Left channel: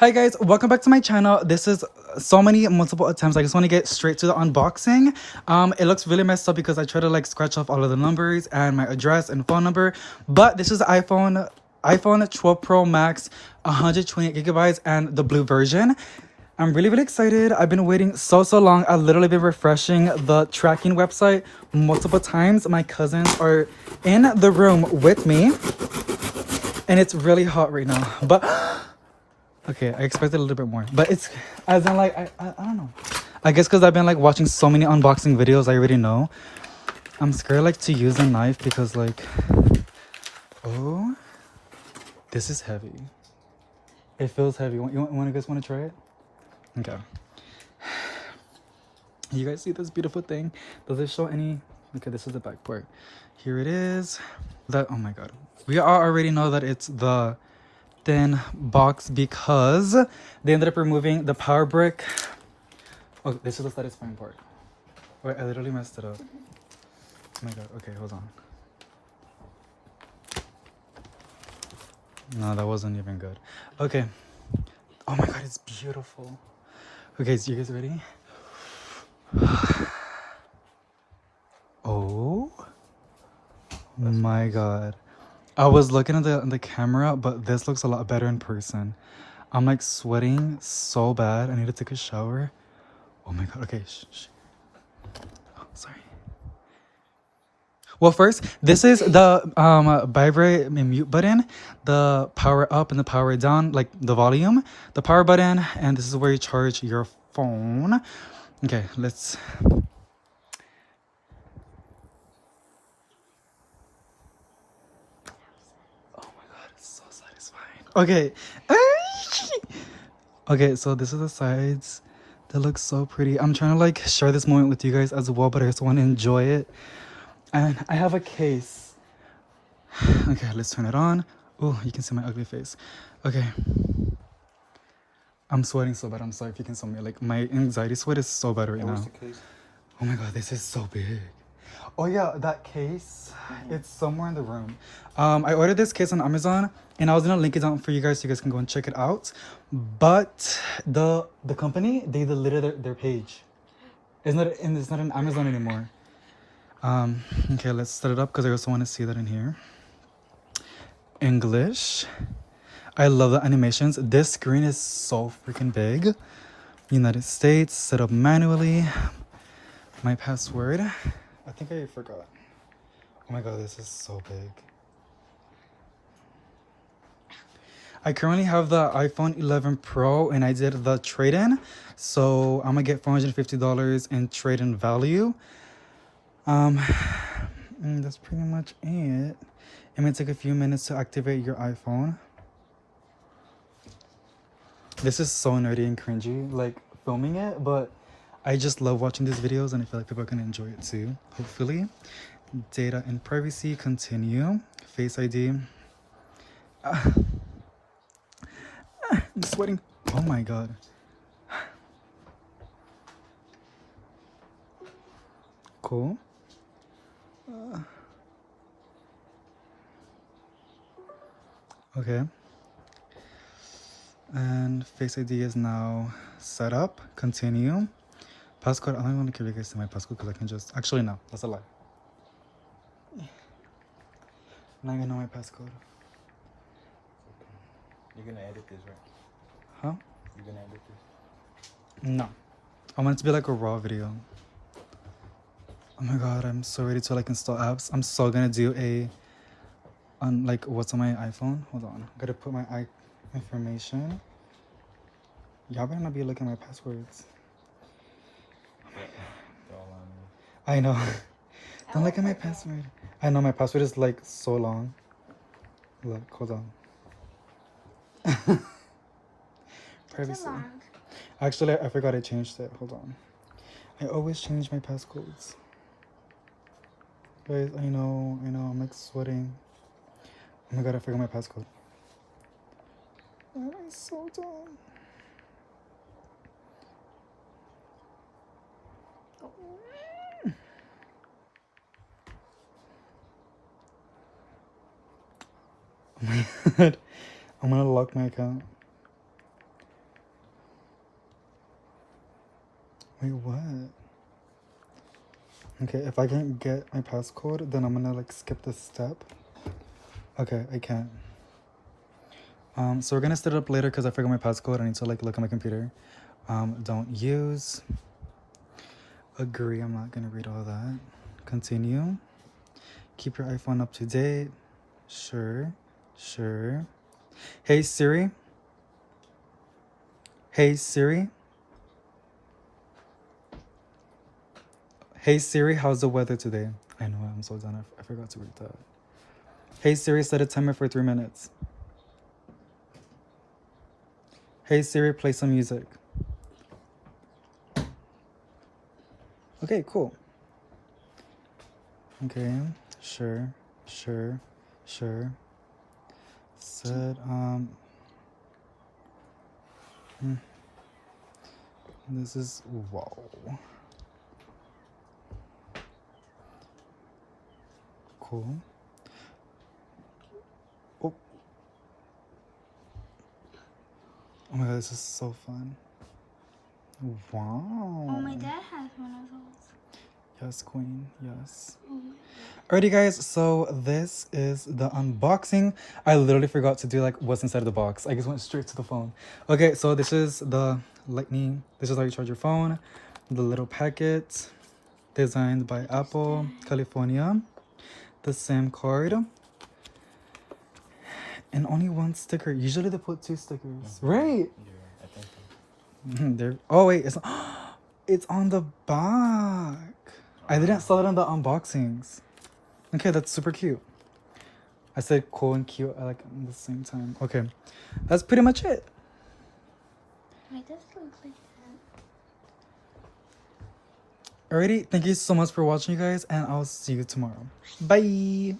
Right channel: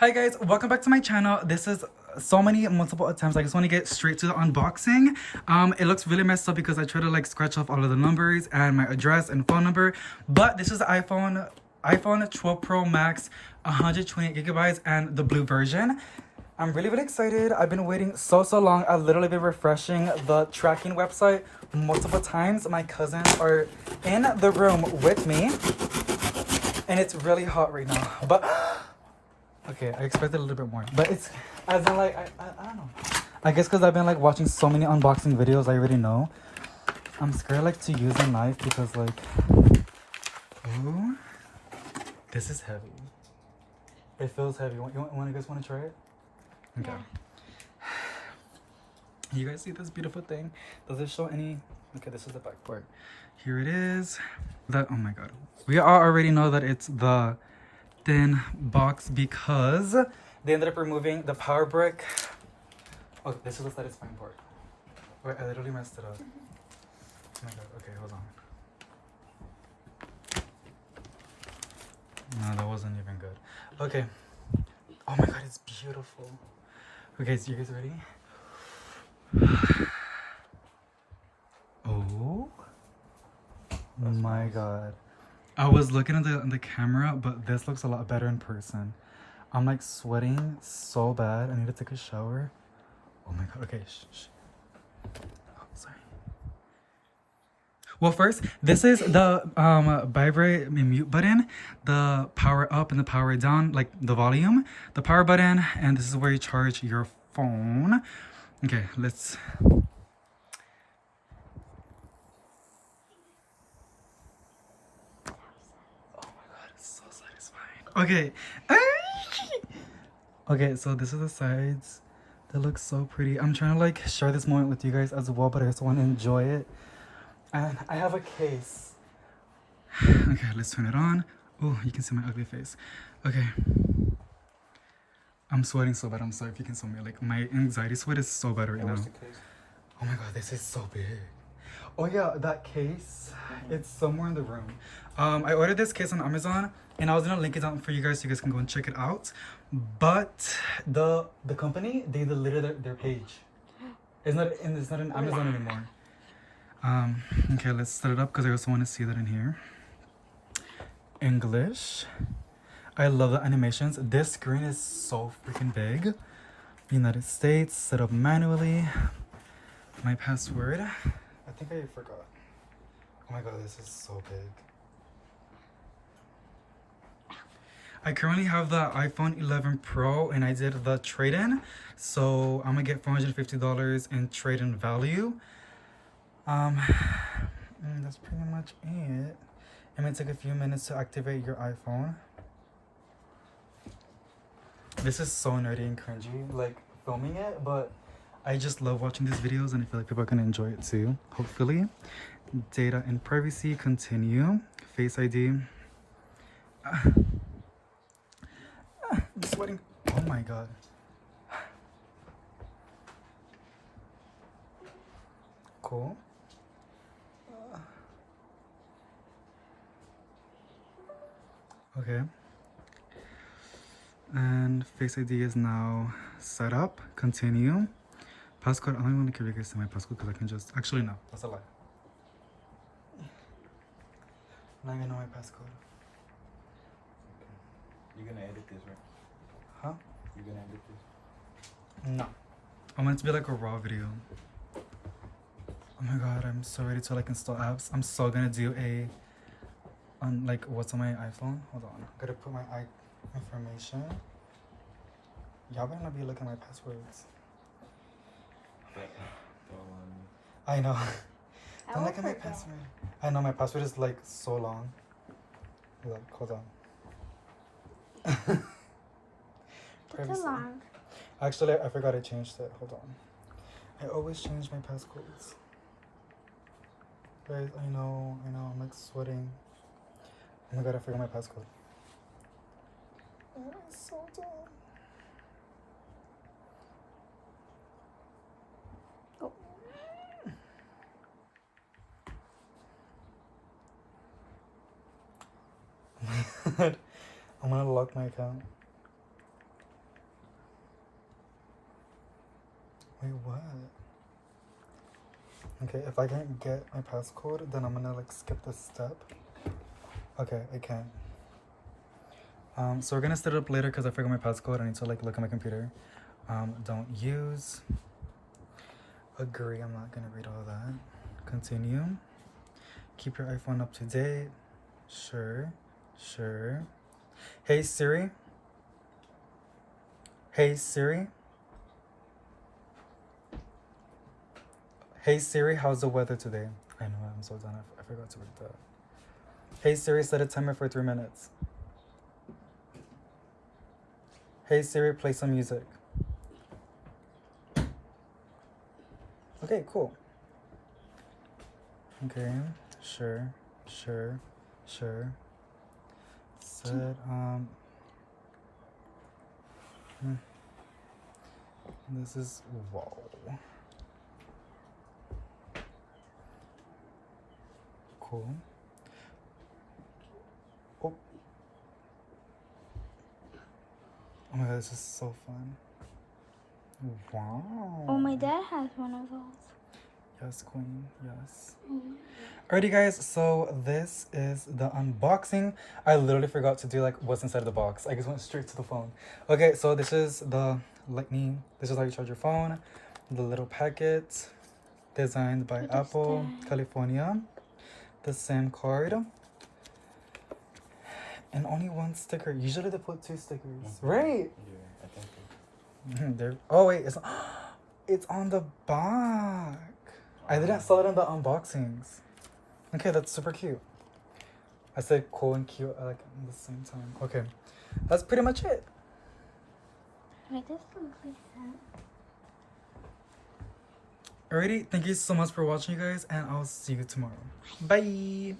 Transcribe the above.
Hi guys, welcome back to my channel. This is so many multiple attempts. I just want to get straight to the unboxing. It looks really messed up because I try to like scratch off all of the numbers and my address and phone number, but this is the iPhone 12 Pro Max, 128 gigabytes and the blue version. I'm really excited. I've been waiting so long. I've literally been refreshing the tracking website multiple times. My cousins are in the room with me and it's really hot right now, but okay, I expected a little bit more, but it's as in like I don't know. I guess because I've been like watching so many unboxing videos, I already know. I'm scared like to use a knife because like, oh, this is heavy. It feels heavy. You guys want to try it? Okay. You guys see this beautiful thing? Does it show any? Okay, this is the back part. Here it is. That, oh my god, we already know that it's the thin box because they ended up removing the power brick. Oh, this is the satisfying part. Wait, I literally messed it up. Oh my god, okay, hold on. No, that wasn't even good. Okay. Oh my god, it's beautiful. Okay, so you guys ready? Oh my god. I was looking at the camera, but this looks a lot better in person. I'm like sweating so bad. I need to take a shower. Oh my god. Okay, shh. Oh, sorry. Well, first, this is the vibrate and mute button, the power up and the power down, like the volume, the power button, and this is where you charge your phone. Okay, let's. So satisfying. Okay. Okay, so this is the sides. That looks so pretty. I'm trying to like share this moment with you guys as well, but I just want to enjoy it. And I have a case. Okay, let's turn it on. Oh, you can see my ugly face. Okay. I'm sweating so bad. I'm sorry if you can see me. Like my anxiety sweat is so bad right now. Oh my god, this is so big. Oh yeah, that case, it's somewhere in the room. I ordered this case on Amazon and I was gonna link it down for you guys so you guys can go and check it out. But the company, they deleted their page. It's not on Amazon anymore. Okay, let's set it up because I also want to see that in here. English. I love the animations. This screen is so freaking big. United States, set up manually. My password. I think I forgot. Oh my god, this is so big. I currently have the iPhone 11 Pro and I did the trade-in. So I'm gonna get $450 in trade-in value. That's pretty much it. It may take a few minutes to activate your iPhone. This is so nerdy and cringy, like filming it, but I just love watching these videos and I feel like people can enjoy it too, hopefully. Data and privacy, continue. Face ID. I'm sweating. Oh my god. Cool. Okay. And Face ID is now set up. Continue. Passcode. I don't want to give you guys my passcode because I can just. Actually, no. That's a lie. Now I know my passcode. You're gonna edit this, right? Huh? You're gonna edit this? No. I want it to be like a raw video. Oh my god, I'm so ready to like install apps. I'm so gonna do a like what's on my iPhone. Hold on. I gotta put my information. Y'all better not be looking at my passwords. I know. Don't look at my password. I know my password is like so long. Look, hold on. It's long. Actually, I forgot I changed it. Hold on. I always change my passcodes. Guys, I know, I'm like sweating. Oh my god, I forgot my passcode. I'm so dumb. Oh. I'm gonna lock my account. Wait, what? Okay, if I can't get my passcode, then I'm gonna like skip this step. Okay, I can't. So we're gonna set it up later because I forgot my passcode. I need to like look at my computer. Don't use. Agree, I'm not gonna read all that. Continue. Keep your iPhone up to date. Sure. Hey Siri. Hey Siri. Hey Siri, how's the weather today? I know, I'm so done. I forgot to read that. Hey Siri, set a timer for 3 minutes. Hey Siri, play some music. Okay, cool. Okay, sure. Set, this is, wow. Cool. Oh. Oh my god, this is so fun. Wow. Oh, my dad has one of those. Yes, queen, yes. Oh my Alrighty guys, so this is the unboxing. I literally forgot to do like what's inside of the box. I just went straight to the phone. Okay, so this is the lightning. This is how you charge your phone. The little packet designed by What is Apple, that? California. The SIM card. And only one sticker. Usually they put 2 stickers. Right? Yeah, I think so. There. Oh wait, it's on the back. I didn't saw it in the unboxings. Okay, that's super cute. I said cool and cute like at the same time. Okay, that's pretty much it. Wait, this looks like that. Alrighty, thank you so much for watching, you guys, and I'll see you tomorrow. Bye.